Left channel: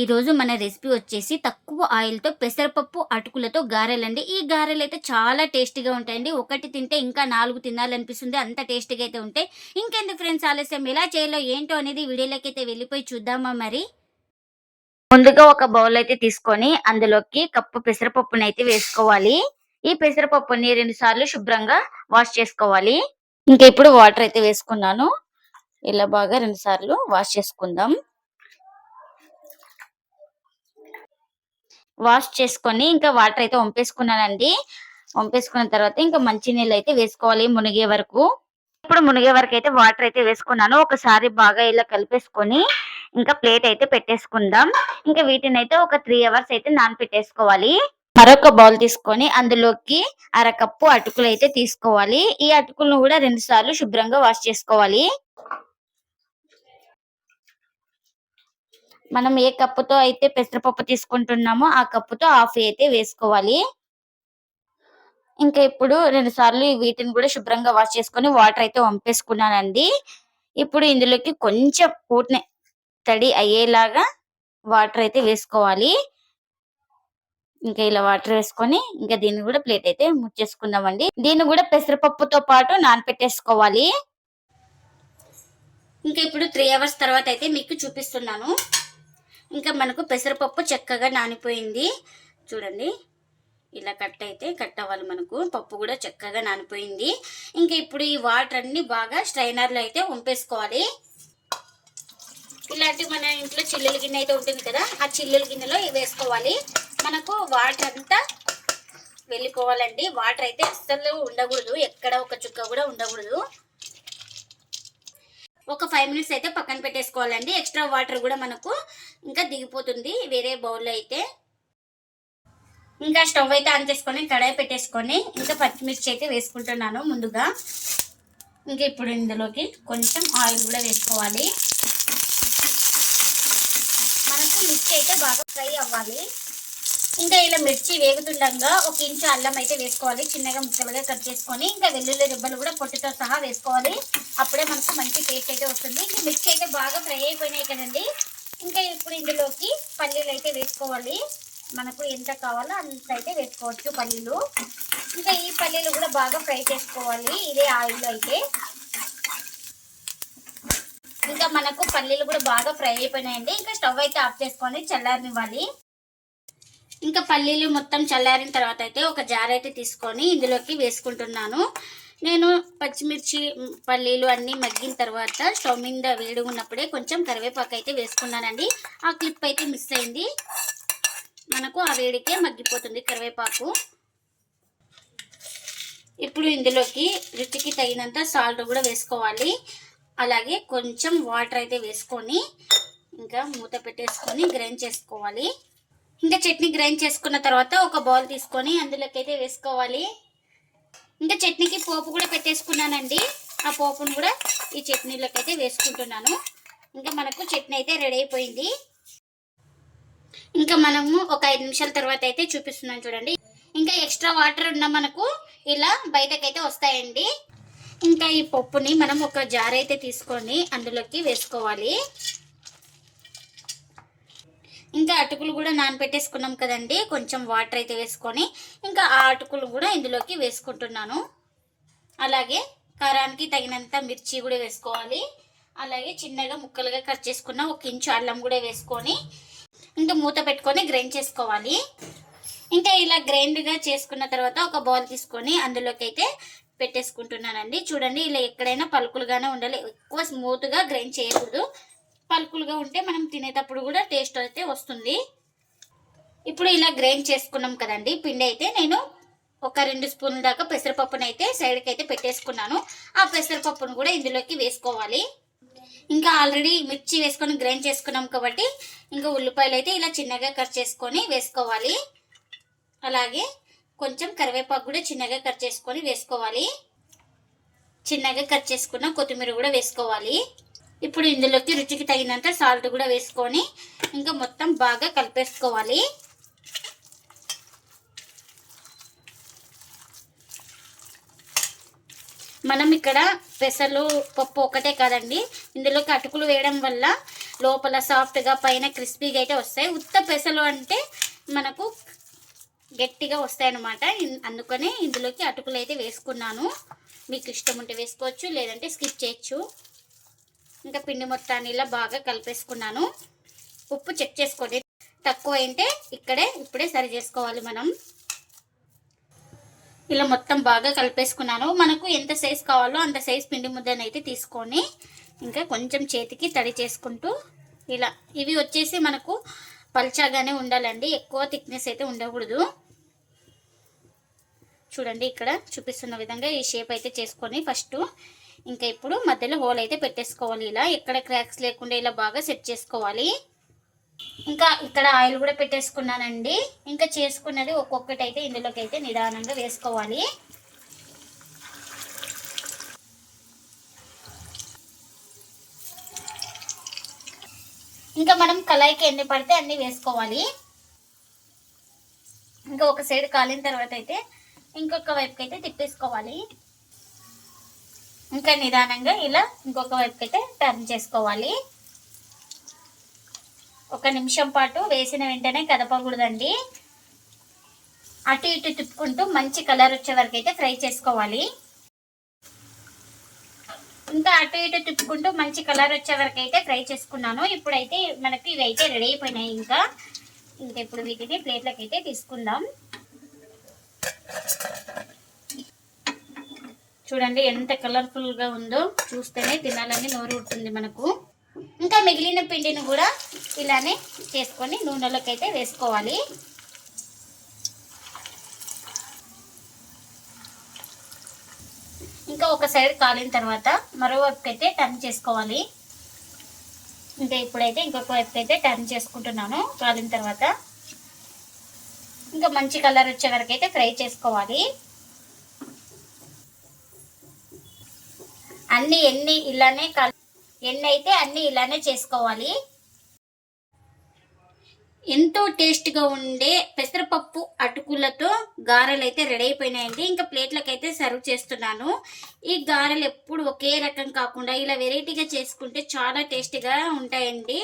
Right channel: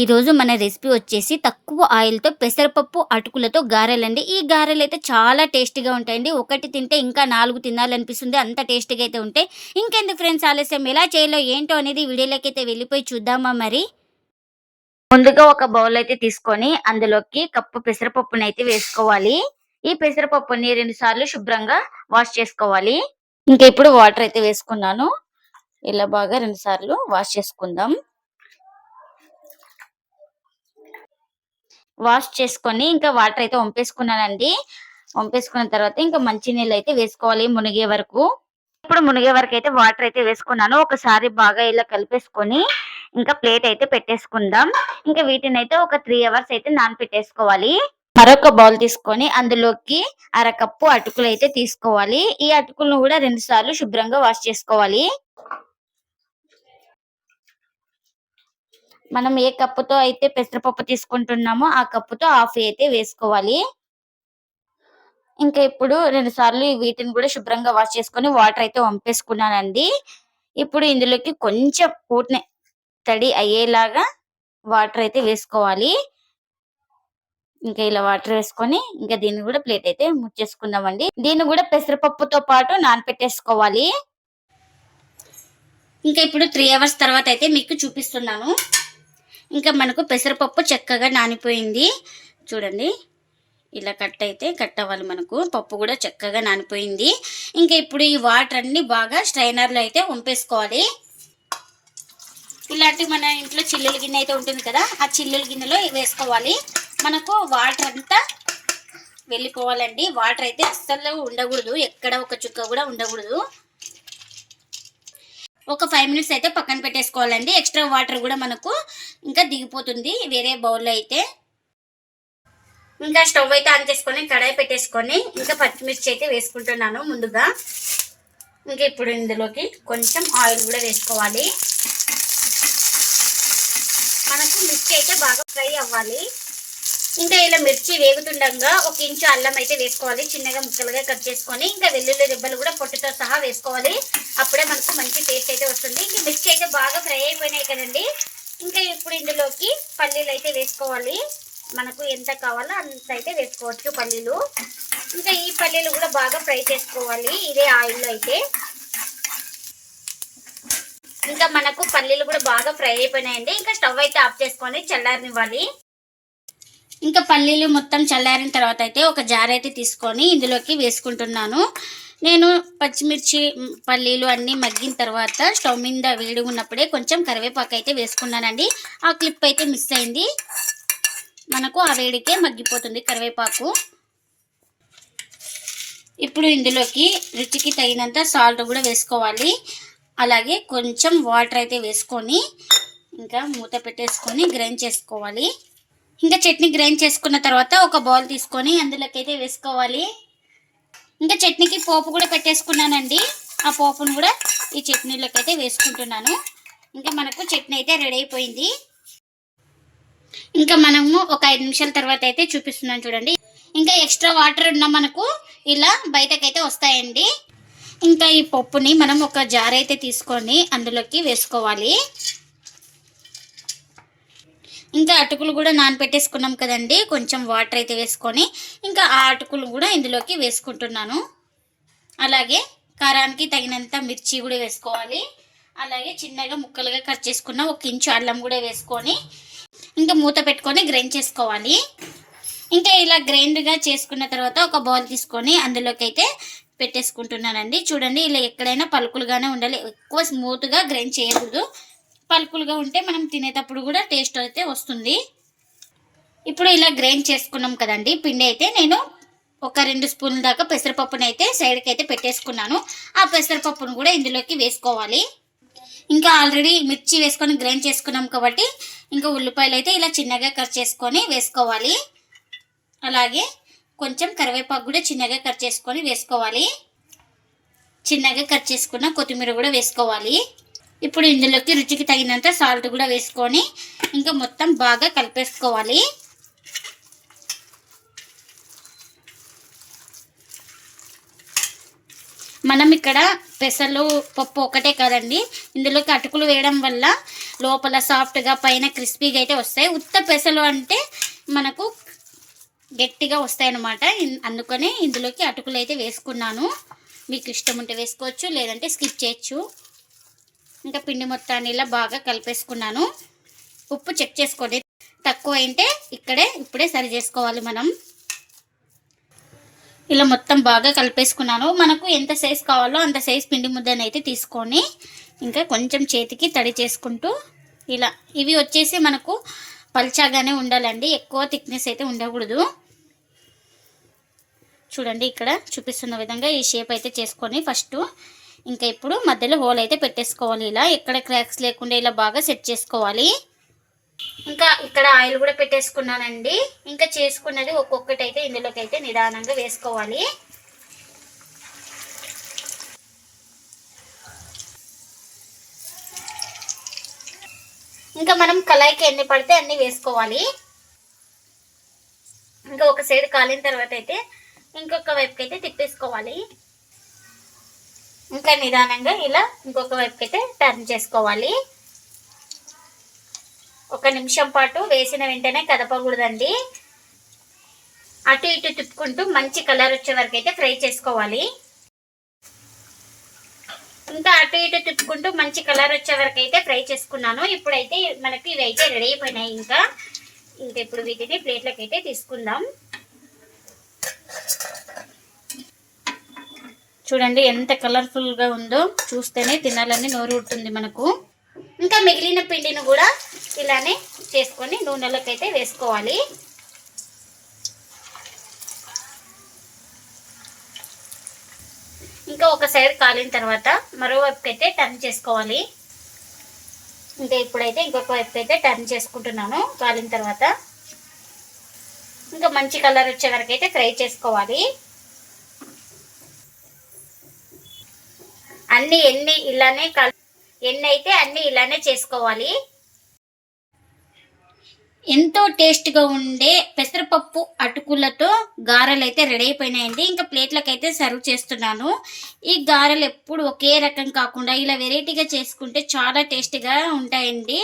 ఈరోజు మన రెసిపీ వచ్చేసి తక్కువ ఆయిల్తో పెసరపప్పు అటుకులతో గారెలండి. ఈ గారెలు అయితే చాలా టేస్టీగా ఉంటాయండి. ఒకటి తింటే ఇంకా నాలుగు తినాలనిపిస్తుంది. అంత టేస్టీగా అయితే ఉంటాయి. ఇంకెందుకు ఫ్రెండ్స్ ఆలస్యం ఎలా చేయాలో ఏంటో అనేది వీడియోలోకి అయితే వెళ్ళిపోయి చూద్దామా మరి? ముందుగా ఒక బౌల్ అయితే తీసుకొని అందులోకి కప్పు పెసరపప్పుని అయితే వేసుకోవాలి. ఈ పెసరపప్పుని రెండు సార్లు శుభ్రంగా వాష్ చేసుకోవాలి. ఇంకా ఇప్పుడు వాటర్ అయితే వేసుకున్నాను. ఇలా బాగా రెండు సార్లు వాష్ చేసుకుందాం. వాష్ చేసుకొని ఇంకా వాటర్ అయితే వంపేసుకున్నానండి. వంపేసుకున్న తర్వాత ఇంకా మంచి నీళ్ళు అయితే వేసుకోవాలి మునిగే వరకు. ఇప్పుడు మునిగే వరకు అయితే వాటర్ అయితే వేసుకున్నాను. ఒకసారి బాగా ఇలా కలిపేసుకొని ఇంకా ప్లేట్ అయితే పెట్టేసుకుందాం. ఇంకా వీటిని అయితే ఒక త్రీ అవర్స్ అయితే నానపెట్టేసుకోవాలి. మరొక బౌల్ తీసుకొని అందులోకి అరకప్పు అటుకులు అయితే తీసుకోవాలి. ఈ అటుకులను కూడా రెండు సార్లు శుభ్రంగా వాష్ చేసుకోవాలి. మనం ఏ కప్పుతో అయితే పెసరపప్పు తీసుకుంటున్నామో ఆ కప్పుతో హాఫ్ అయితే వేసుకోవాలి. ఇంకా ఇప్పుడు రెండు సార్లు వీటిని కూడా శుభ్రంగా వాష్ చేసుకొని వాటర్ అయితే వంపేసుకున్నానండి. ఇప్పుడు ఇందులోకి కొంచెం పూటనే తడి అయ్యేలాగా వాటర్ అయితే వేసుకోవాలి. ఇంకా ఇలా వాటర్ వేసుకొని ఇంకా దీన్ని కూడా ప్లేట్ అయితే ముచ్చేసుకుందామండి దీన్ని కూడా పెసరపప్పుతో పాటు నానపెట్టేసుకోవాలి. ఇంకా ఇప్పుడు త్రీ అవర్స్ తర్వాత అయితే మీకు చూపిస్తున్నాను. ఇంకా మనకు పెసరపప్పు చక్కగా నానిపోయింది. చూడండి. ఇలా కట్ అయితే కట్ అవ్వాలి మనకు. పప్పు కూడా చక్కగా నానిపోయింది. ఇంకా ఇప్పుడు ఈ వాటర్ అన్ని బాగా స్ట్రైనర్లో అయితే వంపేసుకోవాలి ఇలాంటి మన ఇంట్లో చిల్లుల గిన్నె అయితే ఉంటుంది కదా ఆ చిల్లుల గిన్నెలో వేసుకోవాలి. మనకు వాటర్ అంతా వెళ్ళిపోవాలండి. వాటర్ అయితే అస్సలు ఉండకూడదు. ఎక్కడ ఒక చుక్క కూడా ఉండకూడదు. ఒక ఫైవ్ మినిట్స్ అయితే పక్కన పెట్టేసుకోవాలండి. ఎక్స్ట్రా వాటర్ కూడా మనకు ఇంకా దిగిపోతుంది వేరే బౌల్లో అయితే. ఇంకా స్టవ్ అయితే ఆన్ చేసుకొని కడాయి పెట్టేసుకొని ఇంకా పచ్చిమిర్చి అయితే వేసుకుంటున్నాను ముందుగా. ఇంకా ఇప్పుడు ఇందులోకి కొంచెం ఆయిల్ కూడా వేసుకోవాలి. మనకు మిర్చి అయితే బాగా ఫ్రై అవ్వాలి. ఇంకా ఇలా మిర్చి వేగుతుండగా ఒక ఇంచు అల్లం అయితే వేసుకోవాలి. చిన్నగా ముక్కలుగా కట్ చేసుకొని ఇంకా వెల్లుల్లి రిబ్బలు కూడా పొట్టుతో సహా వేసుకోవాలి. అప్పుడే మనకు మంచి టేస్ట్ అయితే వస్తుంది. ఇంకా మిర్చి అయితే బాగా ఫ్రై అయిపోయినాయి కదండి. ఇంకా ఇప్పుడు ఇందులోకి పల్లీలు అయితే వేసుకోవాలి. మనకు ఎంత కావాలో అంత అయితే వేసుకోవచ్చు పల్లీలు. ఇంకా ఈ పల్లీలు కూడా బాగా ఫ్రై చేసుకోవాలి. ఇదే ఆయిల్లో అయితే. ఇంకా మనకు పల్లీలు కూడా బాగా ఫ్రై అయిపోయినాయండి. ఇంకా స్టవ్ అయితే ఆఫ్ చేసుకొని చల్లారనివ్వాలి. ఇంకా పల్లీలు మొత్తం చల్లారిన తర్వాత అయితే ఒక జార్ అయితే తీసుకొని ఇందులోకి వేసుకుంటున్నాను. నేను పచ్చిమిర్చి పల్లీలు అన్నీ మగ్గిన తర్వాత స్టవ్ మీద వేడి ఉన్నప్పుడే కొంచెం కరివేపాకు అయితే వేసుకున్నానండి. ఆ క్లిప్ అయితే మిస్ అయింది. మనకు ఆ వేడికే మగ్గిపోతుంది కరివేపాకు. ఇప్పుడు ఇందులోకి రుచికి తగినంత సాల్ట్ కూడా వేసుకోవాలి. అలాగే కొంచెం వాటర్ అయితే వేసుకొని ఇంకా మూత పెట్టేసుకొని గ్రైండ్ చేసుకోవాలి. ఇంకా చట్నీ గ్రైండ్ చేసుకున్న తర్వాత ఒక బౌల్ తీసుకొని అందులోకి అయితే వేసుకోవాలి. ఇంకా చట్నీకి పోపు కూడా పెట్టేసుకున్నానండి. ఆ పోపును కూడా ఈ చట్నీలోకి అయితే వేసుకుంటున్నాను. ఇంకా మనకు చట్నీ అయితే రెడీ అయిపోయింది. ఇంకా మనము ఒక ఐదు నిమిషాల తర్వాత అయితే చూపిస్తున్నాను చూడండి. ఇంకా ఎక్స్ట్రా వాటర్ ఉన్న మనకు ఇలా బయటకైతే వస్తాయండి. ఇంకా ఈ పప్పుని మనం ఒక జార్ అయితే తీసుకొని అందులోకి వేసుకోవాలి. ఇంకా అటుకులు కూడా నానపెట్టేసుకున్నాం కదండి. కొంచెం వాటర్ అయితే వేసుకొని ఇంకా ఆ అటుకులు కూడా ఇందులోకి వేసుకుంటున్నాను. అలాగే కారానికి తగినంత మిర్చి కూడా వేసుకోవాలి. అలాగే చిన్నగా ముక్కలుగా కట్ చేసుకున్న ఒక ఇంచు అల్లం కూడా వేసుకొని ఇంకా మూత పెట్టుకొని గ్రైండ్ చేసుకోవాలి. ఇంకా ఇలా గ్రైండ్గా చేసుకున్న తర్వాత ఒక బౌల్ తీసుకొని అందులోకి అయితే పెట్టేసుకుంటున్నానండి. చూడండి ఇలా ఎక్కడైనా పలుకులుగానే ఉండాలి. ఎక్కువ స్మూత్గా గ్రైండ్ చేయకూడదు. పలుకులుగా ఉంటే మనం తినేటప్పుడు కూడా టేస్ట్ అయితే వస్తుంది. ఇప్పుడు ఇలా గ్రైండ్ చేసుకున్నాం కదండి. పిండి అయితే నేను ఒక రెండు స్పూన్ల దాకా పెసరపప్పును అయితే సైడ్కి అయితే పెట్టేసుకున్నాను. ఆ పెసరపప్పును కూడా ఇందులోకి వేసుకోవాలి. ఇంకా ఆల్రెడీ మిర్చి వేసుకొని గ్రైండ్ చేసుకున్నాం కాబట్టి ఇంకా ఉల్లిపాయలు అయితే ఇలా చిన్నగా కట్ చేసుకొని వేసుకోవాలి. అలాగే కొంచెం కరివేపాకు కూడా చిన్నగా కట్ చేసుకొని వేసుకోవాలి. చిన్నగా కట్ చేసుకున్న కొత్తిమీర కూడా వేసుకోవాలి. ఇప్పుడు ఇందులోకి రుచికి తగినంత సాల్ట్ కూడా వేసుకొని ఇంకా మొత్తం బాగా కలిపేసుకోవాలి. మనం ఇక్కడ పెసలు పప్పు ఒకటే కాదండి. ఇందులోకి అటుకులు వేయడం వల్ల లోపల సాఫ్ట్గా పైన క్రిస్పీగా అయితే వస్తాయి. ఉత్త పెసలు అంటే మనకు గట్టిగా వస్తాయి అన్నమాట అందుకనే ఇందులోకి అటుకులు అయితే వేసుకున్నాను. మీకు ఇష్టం ఉంటే వేసుకోవచ్చు లేదంటే స్కిప్ చేయొచ్చు. ఇంకా పిండి మొత్తాన్ని ఇలా బాగా కలిపేసుకున్నాను. ఉప్పు చెక్ చేసుకోండి. తక్కువ అయితే ఇక్కడే ఇప్పుడే సరి చేసుకోవాలి మనం. ఇలా మొత్తం బాగా కలిపేసుకున్నాను. మనకు ఎంత సైజ్ కావాలో అంత సైజ్ పిండి ముద్దను అయితే తీసుకొని ఇంకా కొంచెం చేతికి తడి చేసుకుంటూ ఇలా. ఇవి వచ్చేసి మనకు పల్చాగానే ఉండాలండి. ఎక్కువ థిక్నెస్ అయితే ఉండకూడదు. చూడండి ఇక్కడ చూపిస్తున్న విధంగా ఈ షేప్ అయితే చేసుకొని ఫస్ట్ ఇంకా ఇప్పుడు మధ్యలో హోల్ అయితే పెట్టేసుకోవాలి. ఇలా ఎక్కడ క్రాక్స్ లేకుండా ఇలా బాగా సెట్ చేసుకోవాలి. ఇంకా ఇక్కడ ఆయిల్ కూడా పెట్టేసుకున్నానండి. ఇంకా చేసుకున్నది ఒక్కొక్కటి అయితే ఇందులోకి అయితే నిదానంగా వేసుకోవాలి. ఇంకా మనం కళాయికి ఎన్ని పడితే అన్ని వేసుకోవాలి. ఇంకా ఒక సైడ్ కాలిన తర్వాత అయితే ఇంకొక వైపుకి అయితే తిప్పేసుకోవాలి. ఇంకా నిదానంగా ఇలా ఇంకొక వైపుకి అయితే టర్న్ చేసుకోవాలి. ఒక నిమిషం పాటు వేసిన వెంటనే కదపకూడదండి. అటు ఇటు తిప్పుకుంటూ మంచి కలర్ వచ్చే వరకు అయితే ఫ్రై చేసుకోవాలి. ఇంకా అటు ఇటు తిప్పుకుంటూ మంచి కలర్ వచ్చే వరకు అయితే ఫ్రై చేసుకున్నాను. ఇప్పుడైతే మనకి ఇవి అయితే రెడీ అయిపోయినాయి ఇంకా. ఇంకా ఇప్పుడు వీటిని ప్లేట్లోకి అయితే తీసుకుందాం. చూడండి ఎంత కలర్ఫుల్గా ఉందో చూస్తేనే తినాలని నోరు ఉంటుంది మనకు. ఇంకా మిగిలిన పిండిని కూడా ఇలానే చేసుకొని నూనెలోకి అయితే వేసుకోవాలి. ఇంకా ఒక సైడ్ కాలిన తర్వాత మరోవైపుకి అయితే టర్న్ చేసుకోవాలి. ఇంకా ఇప్పుడైతే ఇంకొక వైపుకి అయితే టర్న్ చేసుకుంటున్నాను కాలిన తర్వాత. ఇంకా మంచి కలర్ వచ్చే వరకు అయితే ఫ్రై చేసుకోవాలి. అన్ని ఎన్ని ఇలానే కల్ ఎన్ని అయితే అన్ని ఇలానే చేసుకోవాలి. ఎంతో టేస్ట్గా ఉండే పెసరపప్పు అటుకులతో గారెలు అయితే రెడీ అయిపోయినాయండి. ఇంకా ప్లేట్లకు అయితే సర్వ్ చేస్తున్నాను. ఈ గారెలు ఎప్పుడు ఒకే రకం కాకుండా ఇలా వెరైటీగా చేసుకుంటే చాలా టేస్టీగా ఉంటాయండి.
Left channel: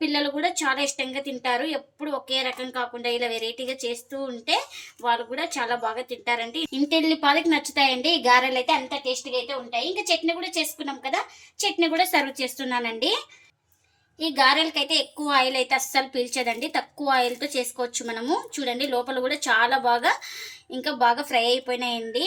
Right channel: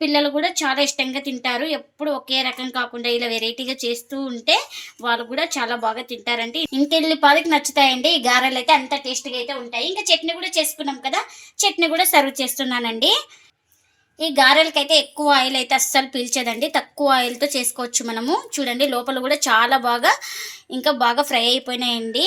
పిల్లలు కూడా చాలా ఇష్టంగా తింటారు. ఎప్పుడు ఒకే రకం కాకుండా ఇలా వెరైటీగా చేస్తూ ఉంటే వాళ్ళు కూడా చాలా బాగా తింటారండి. ఇంకెళ్ళి పాలకి నచ్చుతాయండి. ఈ గారెలు అయితే అంత టేస్ట్గా అయితే ఉంటాయి. ఇంకా చట్నీ కూడా చేసుకున్నాం కదా చట్నీ కూడా సర్వ్ చేస్తున్నానండి. ఈ గారెలకైతే ఎక్కువ ఆయిల్ అయితే అస్సలు పీల్చదండి. తక్కువ ఆయిల్తో చేసుకోవచ్చు మనము. చూడండి లోపల కూడా చాలా బాగా ఇంకా బాగా ఫ్రై అయిపోయినాయండి.